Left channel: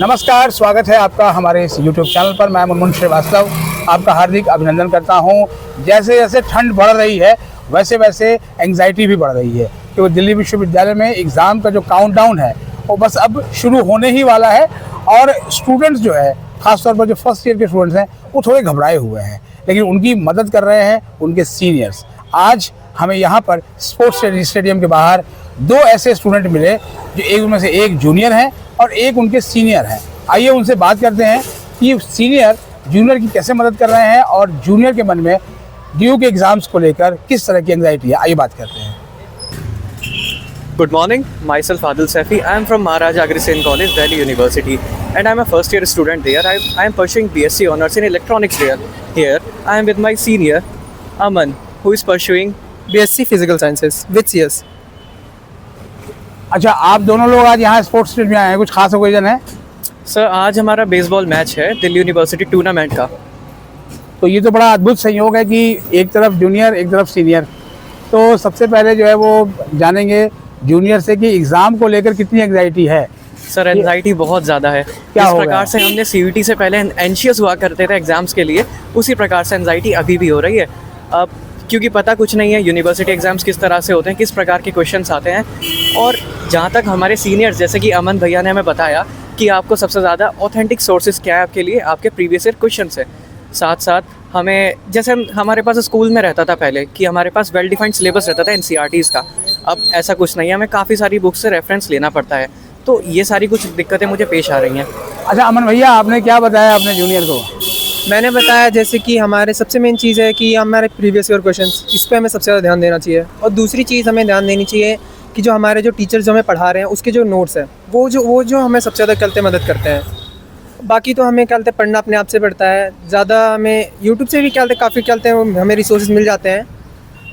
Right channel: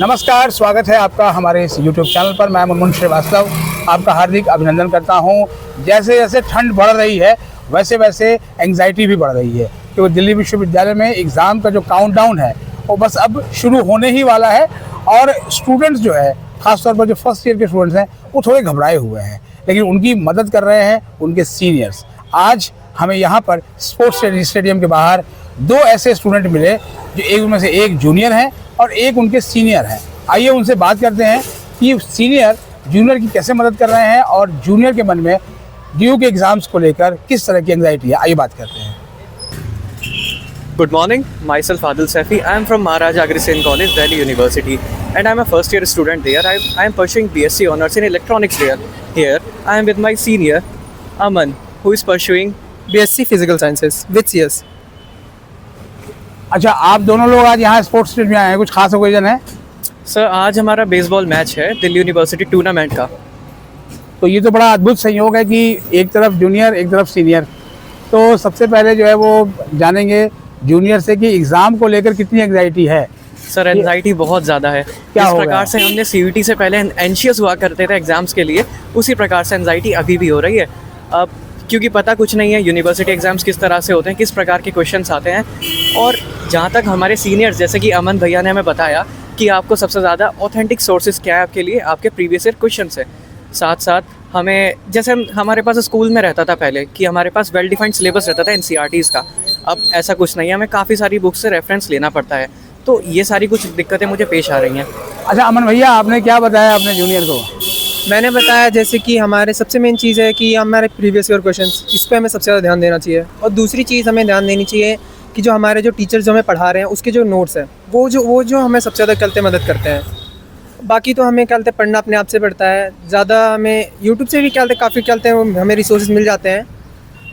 नमस्कार, स्वागत है आपका हमारे इस YouTube चैनल पर। मैं मुनमुन श्रीवास्तव आपका हार्दिक अभिनंदन करता हूं। जैसे जैसे ठंड बढ़ रही है वैसे वैसे एंग्जाइटी भी बढ़ रही है, क्योंकि दिल्ली विश्वविद्यालय में एग्ज़ाम का जो काउंटडाउन है वो बस अब शुरू होने ही वाला है। और स्टूडेंट्स जो है, ख़ासतौर पर जो फर्स्ट ईयर के स्टूडेंट्स हैं, वो थोड़े घबराए हुए हैं, लेकिन उनकी मदद कर रहे हैं उनके सीनियर्स। आज हमें यहाँ पर स्पोर्ट्स स्टेडियम के बाहर दो ऐसे स्टूडेंट मिले जो एक उनमें से एक जूनियर है और एक उनके सीनियर है। आइए उनसे बात करते हैं कि सीनियर जूनियर की कैसे मदद कर रहे हैं और जूनियर के मन में ड्यू के एग्जाम्स को लेकर किस तरह की एंग्जाइटी है। आइए बात करते हैं। Good morning, myself Adil Saifi. I am from Maharaja Agrisane College, Delhi University, and I am a first year student there. I am pursuing BSc Honours in Electronics there. Here, I am with my senior, Aman, who is pursuing BSc Physical Sciences with CS. अच्छा, आप दोनों लोग आज यहाँ sports field में आए हैं, कुछ खास ओकेजन है? सर, आज हमारा बेसबॉल मैच है दिल्ली यूनिवर्सिटी टूर्नामेंट का। तो ये तो बड़ा अद्भुत संयोग है कि एक तरफ जूनियर एक तरफ सीनियर। तो सबसे पहले जो है वो जानेंगे जूनियर से कि एग्ज़ाम को लेकर कितनी एंग्जाइटी है। सर, एंजाइटी बहुत ज़्यादा है। क्या इस हो प्रकार गया? से हमने CVT से पहले एंशियस हुआ करते थे एग्जाम्स के लिए, उसी प्रकार से एंजाइटी अभी भी हो रही है। अब क्योंकि पता कुछ नहीं है यूनिवर्सिटी एग्जाम्स किस तरह से होते हैं, किस प्रकार के क्वेश्चंस आते हैं। और जहाँ तक हमारे सीनियर्स, जैसे कि अमन भैया ने हमें बताया कि आपको सबसे ज़्यादा ऑथेंटिक सोर्सेज क्या है आपके लिए, आपके प्रीवियस ईयर क्वेश्चन है। साथ साथ हमें, जैसे हमारे पास स्कूल में रहता था पहले कि हमारे पास वेल डिफाइंड सिलेबस रहता था NCERTs का, अब ऐसा कुछ नहीं है, हमें काफ़ी सारी बुक्स से रेफरेंस लेना पड़ता है। तो ये सारी कुछ दिक्कतें मुझे पेश आ रही हैं। अच्छा अमन भैया, आपने क्या बताया अपने जूनियर को? मैंने बताया जैसे कि हमारे सबसे मेन चीज़ है कि हमारे प्रीवियस ईयर क्वेश्चंस, इस पे हमें सबसे ज़्यादा ध्यान देना चाहिए। और दूसरी चीज़ हमें ध्यान देनी चाहिए कि जो हमारे जो टीचर्स हमें पढ़ा रहे हैं उसके जो नोट्स हैं वो जो हमें सबसे ज़्यादा चलते मदद करते हैं। बाकी तो हमें क्या कहते हैं, पढ़ना अपने आप से पड़ता है। ज़्यादा हमें यूट्यूब से भी क्या कहते हैं, काफ़ी क्या कहते हैं, हमें रिसोर्सेज मिल जाते हैं,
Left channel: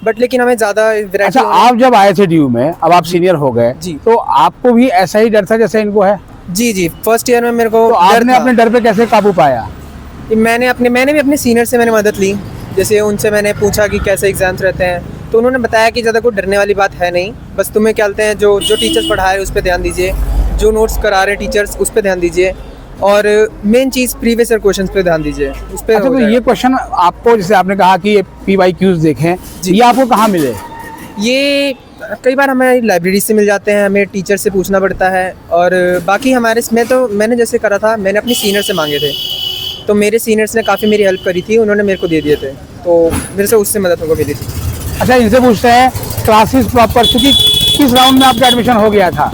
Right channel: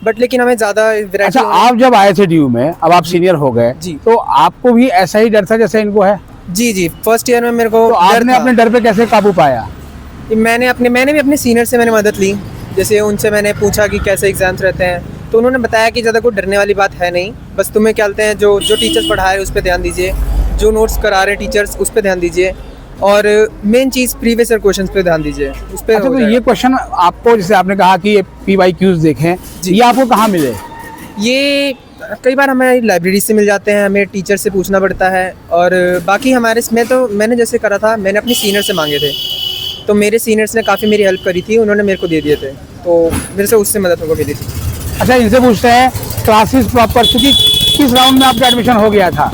बट लेकिन हमें ज़्यादा वैरायटी। अच्छा, आप जब आए थे ड्यू में, अब आप सीनियर हो गए जी। तो आपको भी ऐसा ही डर था जैसे इनको है? जी, फर्स्ट ईयर में मेरे को तो आपने अपने डर पे कैसे काबू पाया? मैंने भी अपने सीनियर से मैंने मदद ली। जैसे उनसे मैंने पूछा कि कैसे एग्जाम्स रहते हैं, तो उन्होंने बताया कि ज़्यादा कोई डरने वाली बात है नहीं, बस तुम्हें क्या कहते हैं, जो टीचर्स पढ़ा रहे हैं उस पर ध्यान दीजिए, जो नोट्स करा रहे हैं टीचर्स उस पर ध्यान दीजिए, और मेन चीज़ प्रीवियस ईयर क्वेश्चंस पे ध्यान दीजिए, उस पर। अच्छा, तो ये क्वेश्चन आपको, जैसे आपने कहा कि ये PYQs देखें, ये आपको कहाँ मिले? ये कई बार हमें लाइब्रेरी से मिल जाते हैं, हमें टीचर से पूछना पड़ता है। और बाकी हमारे मैंने जैसे करा था, मैंने अपने सीनियर से मांगे थे, तो मेरे सीनियर्स ने काफ़ी मेरी हेल्प करी थी, उन्होंने मेरे को दे दिए थे, तो मेरे से उससे मदद मेरे को मिली थी। अच्छा, इनसे पूछते हैं क्लासेस प्रॉपर, क्योंकि किस राउंड में आपका एडमिशन हो गया था?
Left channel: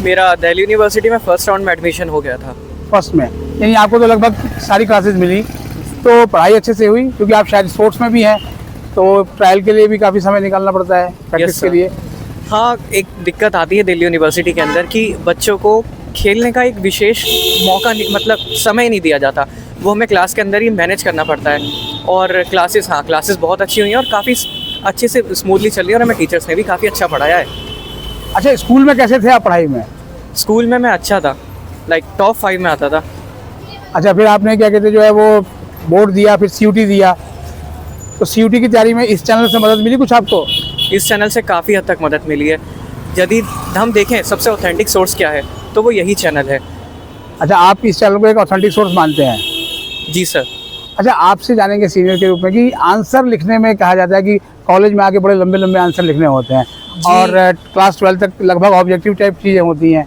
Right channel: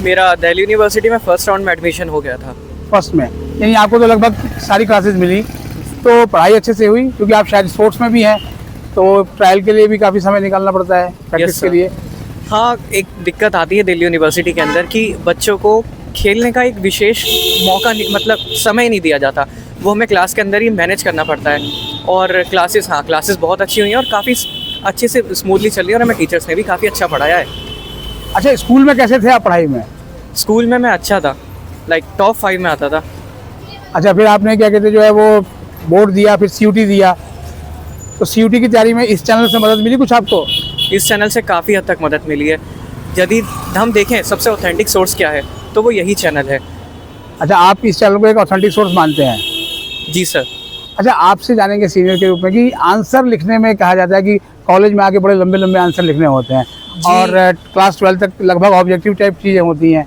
मेरा दिल्ली यूनिवर्सिटी में फर्स्ट राउंड में एडमिशन हो गया था। फर्स्ट में, यानी आपको तो लगभग सारी क्लासेस मिली। तो पढ़ाई अच्छे से हुई, क्योंकि आप शायद स्पोर्ट्स में भी हैं, तो ट्रायल के लिए भी काफ़ी समय निकालना पड़ता है प्रैक्टिस के लिए। हाँ, एक दिक्कत आती है दिल्ली यूनिवर्सिटी के अंदर कि बच्चों को खेलने का एक विशेष मौका मतलब समय नहीं दिया जाता, वो हमें क्लास के अंदर ही मैनेज करना पड़ता है। और क्लासेस बहुत अच्छी हुई हैं और काफ़ी अच्छे से स्मूथली चल रही है, और हमें टीचर्स ने भी काफ़ी अच्छा पढ़ाया है। अच्छा, स्कूल में कैसे थे आप पढ़ाई में? स्कूल में मैं अच्छा था, लाइक टॉप 5 में आता था। अच्छा, फिर आपने क्या कहते जो है वो बोर्ड दिया, फिर CUT दिया, तो CUT की तैयारी में इस चैनल से मदद मिली कुछ आपको? इस चैनल से काफ़ी हद तक मदद मिली है। यदि हम देखें सबसे ऑथेंटिक सोर्स क्या है, तो वो यही चैनल है। अच्छा, आप इस चैनल को एक ऑथेंटिक सोर्स मानते हैं? जी सर। अच्छा, आपसे जानेंगे सीनियर के रूप में कि आंसर लिखने में कहा जाता है कि कॉलेज में आके बड़े लंबे लंबे आंसर लिखने होते हैं, और क्लास 12 तक लगभग ऑब्जेक्टिव टाइप चीज़ें होती हैं।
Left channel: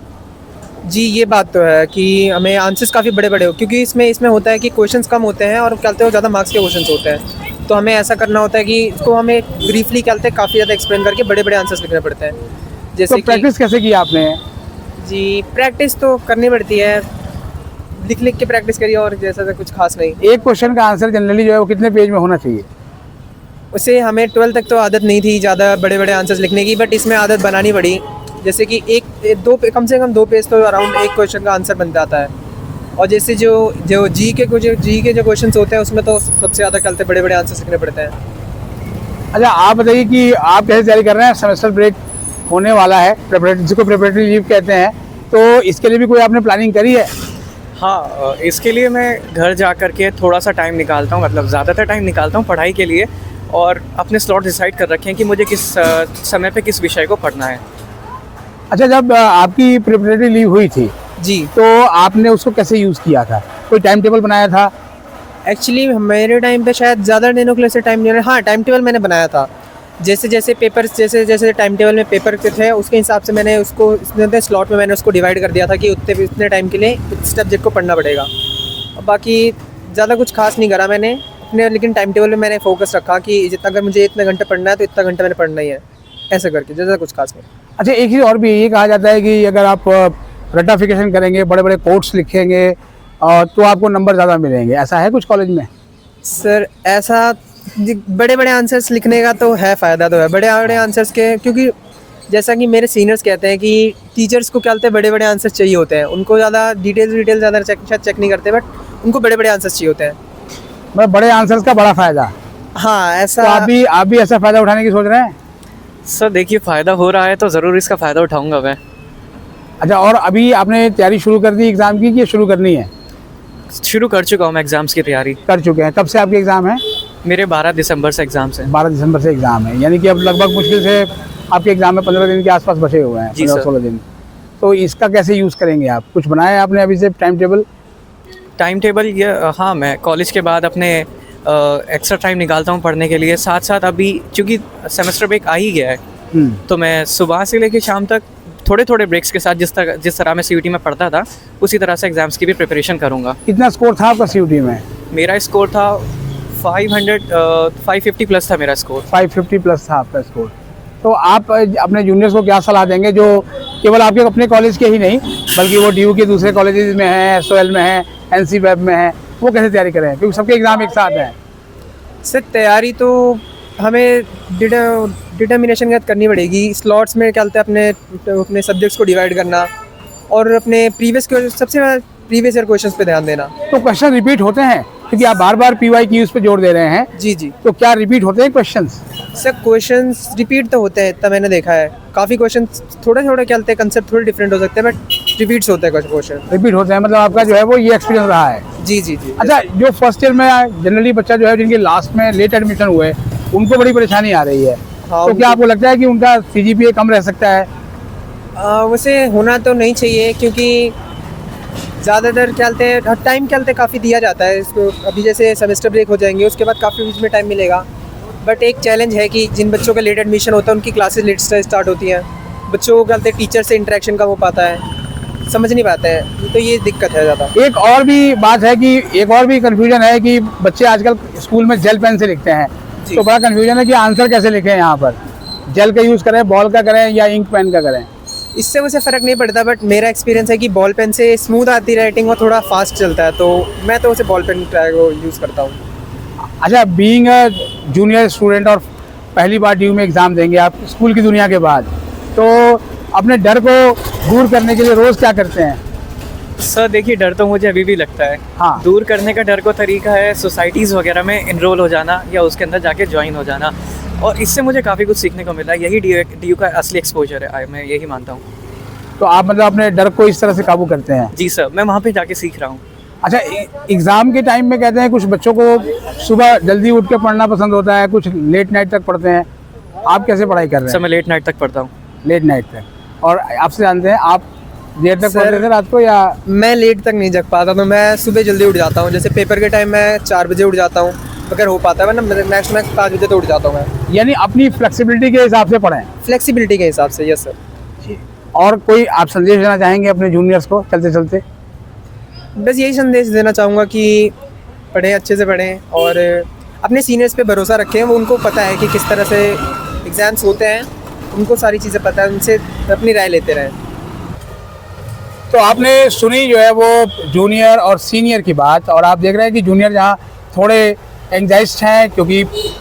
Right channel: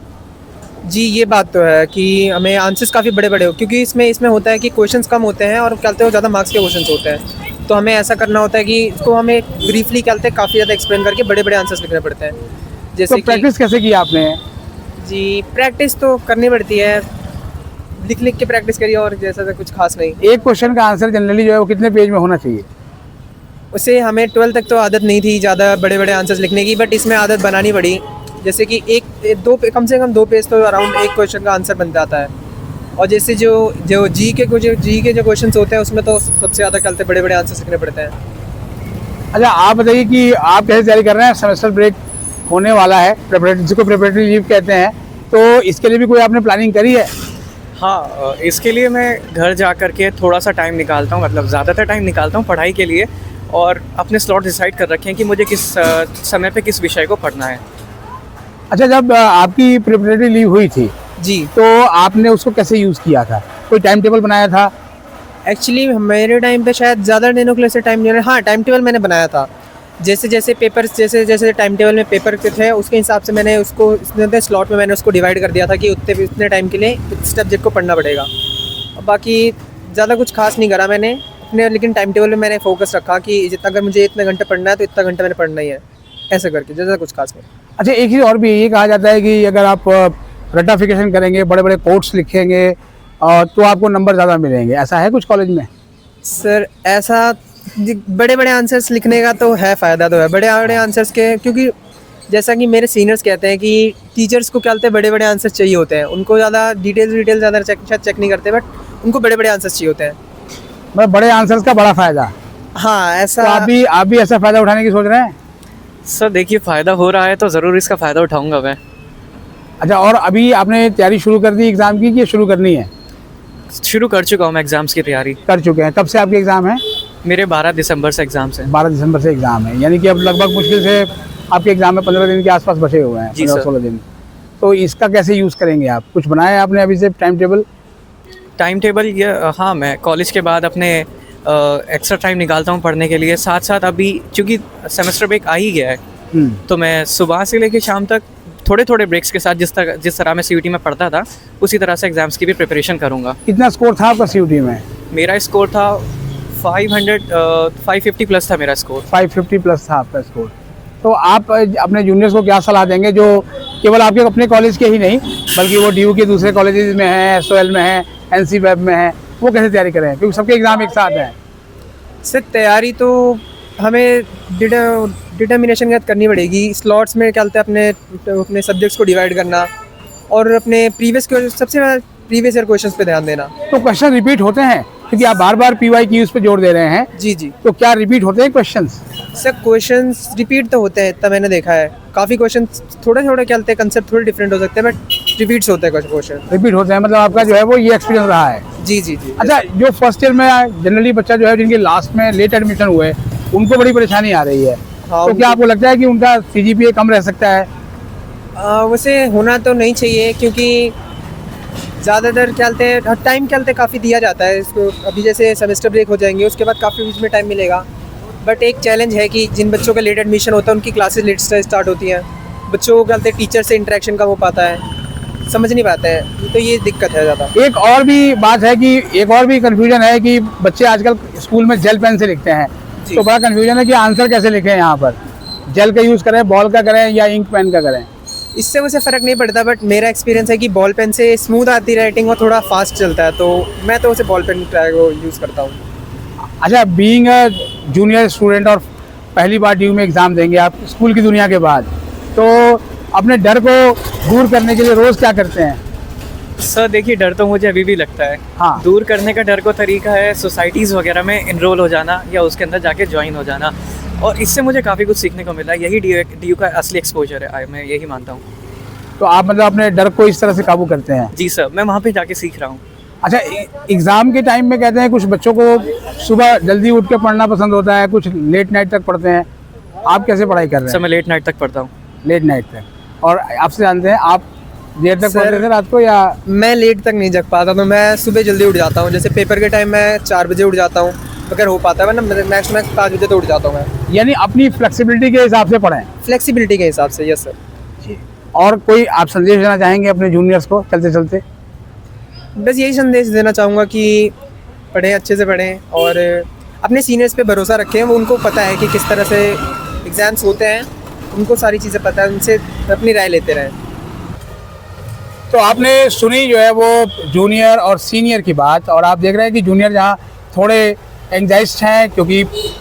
जी, ये बात तो है कि हमें आंसर्स काफ़ी बड़े बड़े हो, क्योंकि इसमें होता है कि क्वेश्चंस कम होते हैं और कहते हैं ज़्यादा मार्क्स के क्वेश्चंस होते हैं, तो हमें ऐसा करना होता है कि इसको हमें ब्रीफली कहते हैं काफ़ी ज़्यादा एक्सप्लेन करके बड़े बड़े आंसर्स लिखने पड़ते हैं। तो जैसे प्रैक्टिस कैसे की आपने? जी, प्रैक्टिस तो करनी पड़ती है, लिख के प्रैक्टिस करिए, और जैसा तो कुछ खास नहीं। एक क्वेश्चन का आंसर जनरली जो है वो कितने पेज में होना चाहिए? उससे हमें 12 तक तो आदत नहीं थी ज़्यादा बड़े बड़े आंसर्स लिखने की, बट इसमें आदत बनानी पड़ी। जैसे कि कम से कम 2 पेज तो अराउंड एक क्वेश्चन का आंसर बन जाता है। और जैसे जो जी के जो क्वेश्चन होते हैं उसमें तो सबसे ज़्यादा चलते बड़े बड़े आंसर लिखने पड़ते हैं। अच्छा, आप बताइए कि आप कैसे तैयारी कर रहे हैं? सेमेस्टर ब्रेक होने वाला है, जिसको प्रिपरेटरी लीव कहते हैं, तो इसके लिए भी कोई आपने प्लानिंग करी है? हाँ, इसके लिए मैं घर जा कर के थोड़ा सा टाइम निकालता हूँ, मतलब ज़्यादातर टाइम निकालता हूँ पढ़ाई के लिए, और अपने स्लॉट डिसाइड कर रखे हैं कि मुझे किस समय पे किस विषय को पढ़ना है। अच्छा, जब आपकी प्रिपरेटरी लीव हुई थी जी। तो आपने उसको कैसे यूज़ किया था? कोई टाइम टेबल बनाया था? एक्चुअली मेरे टाइम पे शायद ज़्यादा दिनों के लिए ऐसे टाइम नहीं, हाँ टाइम टेबल मैंने बनाया था। जैसे जैसे पेपर जैसे जैसे टाइम टेबल में पेपर के थे उसके हिसाब से मैंने उसको इतने स्लॉट में मैंने उसको डिवाइड कर दिया था कि उतने टाइम के लिए इस सब्जेक्ट को पढ़ना पड़ेगा। और बाकी ज़्यादा कुछ खास नहीं करा मैंने अपने, लेकिन टाइम टेबल में मैंने फोकस रखा कि जितना अगर मुझे इतने घंटे पढ़ना है तो इतना घंटे मैंने पढ़ना ही है, ऐसे करके ज़्यादा कुछ खास नहीं। अच्छा, एक चीज़ और भी ये कहा जाता है कि अगर आप रटाफिकेशन करेंगे, बड़े बड़े कोट्स लिखेंगे तो आपको नंबर ज़्यादा मिलेंगे, ऐसा है कुछ कॉलेज में? सर ऐसा बड़े बड़े आंसर्स लिखने का तो है, फ़ायदा तो है बड़े बड़े आंसर्स के, क्योंकि जैसा कि मेरे सीनियर्स कहते हैं कि टीचर्स को क्या होता है बड़े बड़े आंसर्स चाहिए होते हैं, उनको ज़्यादा डिटेल ज़्यादा चेक नहीं करते, बट उनको बड़े बड़े आंसर्स चाहिए होते हैं। मतलब बड़े आंसर्स का बड़ा फ़ायदा। हाँ तो ऐसा। आप भी ऐसा फ़ायदा उठाने की सोच रहे हैं? सर देखिए, फ़ायदा हो रहा है तो ज़रूर इसका फ़ायदा उठाऊंगा मैं। अच्छा, और अभी आपने तैयारी शुरू कर दी एग्ज़ाम की कि शुरू करनी है? शुरू कर चुका हूँ मैं एग्ज़ाम्स की तैयारी। कर चुके हैं। कब से आपके एग्ज़ाम है? मेरे 12 दिसंबर से एग्ज़ाम्स हैं। 12 दिसंबर से एग्ज़ाम है, यानी कि अब लगभग मुश्किल से आपके एग्ज़ाम में 15 दिन के आसपास बचे हुए हैं, जी सर। 15-16 दिन। तो इसका कैसे यूज़ करेंगे आप? कुछ बनाया है आपने अभी से टाइम टेबल? टाइम टेबल ये हाँ, मैं कॉलेज के बाद अपने एक्स्ट्रा टाइम निकालता हूँ पढ़ने के लिए। साथ साथ अभी चूँकि सेमेस्टर ब्रेक आ ही गया है, तो मैं सुबह से लेकर शाम तक थोड़े थोड़े ब्रेक्स के साथ जिस तरह मैं सीयूटी में पढ़ता था उसी तरह से एग्ज़ाम्स की भी प्रिपरेशन करूँगा। कितना स्कोर था आपका सीयूटी में? मेरा स्कोर था 550 प्लस था मेरा स्कोर। 550 प्लस था आपका स्कोर। तो आप अपने जूनियर्स को क्या सलाह देंगे जो केवल आपके अपने कॉलेज के ही नहीं बल्कि वो डीयू के दूसरे कॉलेजेस में हैं, एसओएल में हैं, एनसी वेब में हैं, वो कैसे तैयारी करें क्योंकि सबके एग्ज़ाम एक साथ हैं? सर तैयारी तो हमें डिटर्मिनेशन के साथ करनी पड़ेगी। स्लॉट्स में क्या बोलते हैं अपने सब्जेक्ट्स को डिवाइड करना और अपने सबसे प्रीवियस ईयर क्वेश्चंस पे ध्यान देना। तो क्वेश्चन रिपीट होते हैं क्योंकि आप बार बार पीवाई की उस पर जोर दे रहे हैं, जी जी। तो क्या रिपीट होते हैं क्वेश्चंस? सर क्वेश्चंस रिपीट तो होते हैं, इतना मैंने देखा है। काफ़ी क्वेश्चन थोड़ा थोड़ा क्या बोलते हैं कंसेप्ट थोड़े डिफरेंट हो सकते हैं बट रिपीट्स होते हैं क्वेश्चन। रिपीट होते हैं, मतलब आपका जो है वो ये एक्सपीरियंस रहा है। जी जी जी। अच्छा, जो फर्स्ट ईयर में जनरली बच्चा जो है जिनके लास्ट में लेट एडमिशन हुए उनको बड़ी परेशानी आ रही है, हाँ, तो क्या आपको लगता है कि उनका सीजीपीए कम रह सकता है? वैसे होना तो नहीं चाहिए क्योंकि ज़्यादातर क्या बोलते हैं टाइम क्या बोलते हैं काफ़ी दिया जाता है इसको। अभी जैसे सेमेस्टर ब्रेक हो जाएंगे उसके बाद काफ़ी बीच में टाइम मिलेगा, बट एक चैलेंज है कि जिन बच्चों का लेट एडमिशन होता है उनकी क्लासेस लेट से स्टार्ट होती हैं। बच्चों को क्या बोलते हैं टीचर से इंटरेक्शन कम हो पाता है, समझ नहीं पाते हैं, तो ये दिक्कत है ज़्यादा। एक और भी बात है कि एक और भी कन्फ्यूजन है कि बच्चे आजकल स्कूल में जेल पेन से लिखते हैं, तो बड़ा कन्फ्यूजन है कि आंसर कैसे लिखें यहाँ पर, जेल का यूज़ करें, बॉल का करें या इंक पेन का करें? इससे वैसे फ़र्क नहीं पड़ता, बट मेरा एक्सपीरियंस है कि बॉल पेन से स्मूथ आती राइटिंग और थोड़ा फास्ट चलता है, तो मैं तो उसे बॉल पेन को यूज़ करता हूँ। अच्छा, बीइंग अ जूनियर स्टूडेंट और पहली बार डीयू में एग्ज़ाम देंगे आप स्कूल की दुनिया के बाद, तो अपने डर को दूर करने के लिए रोज़ क्या करते हैं? सर देखिए, डर तो मुझे अभी भी लगता है। हाँ। दूर करने का डर को तरीका है सोसाइटीज़ वगैरह में इनरोल हो जाना या उसके अंदर जाके ज्वाइन हो जाना, और इससे मुझे काफ़ी कुछ सीखने को मिला है। यही डीयू का असली एक्सपोजर है, मैं यही मानता हूँ। तो आप मतलब अपने डर को इस तरह से काबू करते हैं? जी सर, मैं वहाँ पे जाके सीख रहा हूँ। अच्छा, एग्ज़ाम के टाइम में कहते हैं कुछ बच्चों को सुबह जल्दी उठ के पढ़ना पसंद होता है, कुछ लेट नाइट तक पढ़ते हैं, आप कैसे पढ़ाई कर रहे सर हैं? मैं लेट नाइट तक पढ़ता हूँ। लेट नाइट तक, और आपसे जानते हैं आप देर तक सर, पढ़ते थे रात को या? मैं लेट तक नहीं जग पाता, तो मैं सुबह जल्दी उठ जाता हूँ। जैसे पेपर के टाइम मैं 4 बजे उठ जाता हूँ अगर हो पाता है, वरना मैक्स 5 बजे तो उठ जाता हूँ मैं। यानी अपनी फ्लेक्सिबिलिटी के हिसाब से पढ़ें? फ्लेक्सिबिलिटी के हिसाब से, यस सर। और कोई आप संदेश देना चाहेंगे अपने जूनियर्स को चलते चलते? बस यही संदेश देना चाहूँगा कि पढ़ें, अच्छे से पढ़ें और अपने सीनियर्स पे भरोसा रखें। वो उनको पता है कि किस तरह से एग्ज़ाम्स होते हैं, उनको सारी चीज़ें पता है, उनसे अपनी राय लेते रहें। तो आपने सुनी जो है वो जूनियर और सीनियर की बात, और आप देख रहे हैं कि जूनियर जहाँ थोड़े एंग्जाइस्ट हैं क्योंकि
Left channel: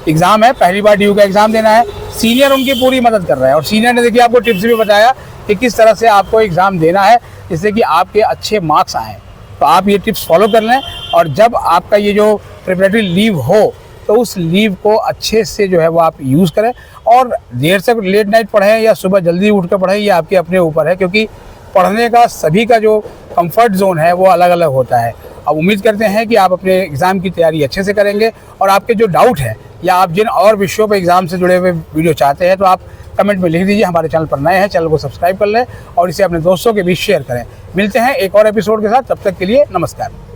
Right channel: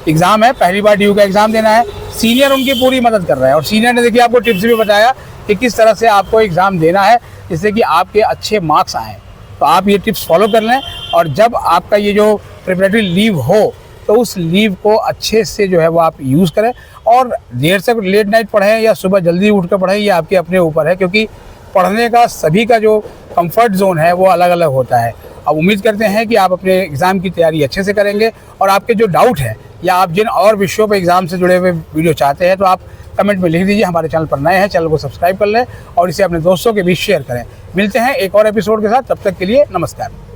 एग्ज़ाम है, पहली बार डीयू का एग्ज़ाम देना है, सीनियर उनकी पूरी मदद कर रहा है, और सीनियर ने देखिए आपको टिप्स भी बताया कि किस तरह से आपको एग्ज़ाम देना है जिससे कि आपके अच्छे मार्क्स आएँ। तो आप ये टिप्स फॉलो कर लें, और जब आपका ये जो प्रिपरेटरी लीव हो तो उस लीव को अच्छे से जो है वो आप यूज़ करें, और देर से लेट नाइट पढ़ें या सुबह जल्दी उठ कर पढ़ें, ये आपके अपने ऊपर है, क्योंकि पढ़ने का सभी का जो कंफर्ट जोन है वो अलग अलग होता है। अब उम्मीद करते हैं कि आप अपने एग्ज़ाम की तैयारी अच्छे से करेंगे, और आपके जो डाउट है या आप जिन और विषयों पर एग्ज़ाम से जुड़े हुए वीडियो चाहते हैं तो आप कमेंट में लिख दीजिए। हमारे चैनल पर नए हैं, चैनल को सब्सक्राइब कर लें और इसे अपने दोस्तों के बीच शेयर करें। मिलते हैं एक और एपिसोड के साथ, तब तक के लिए नमस्कार।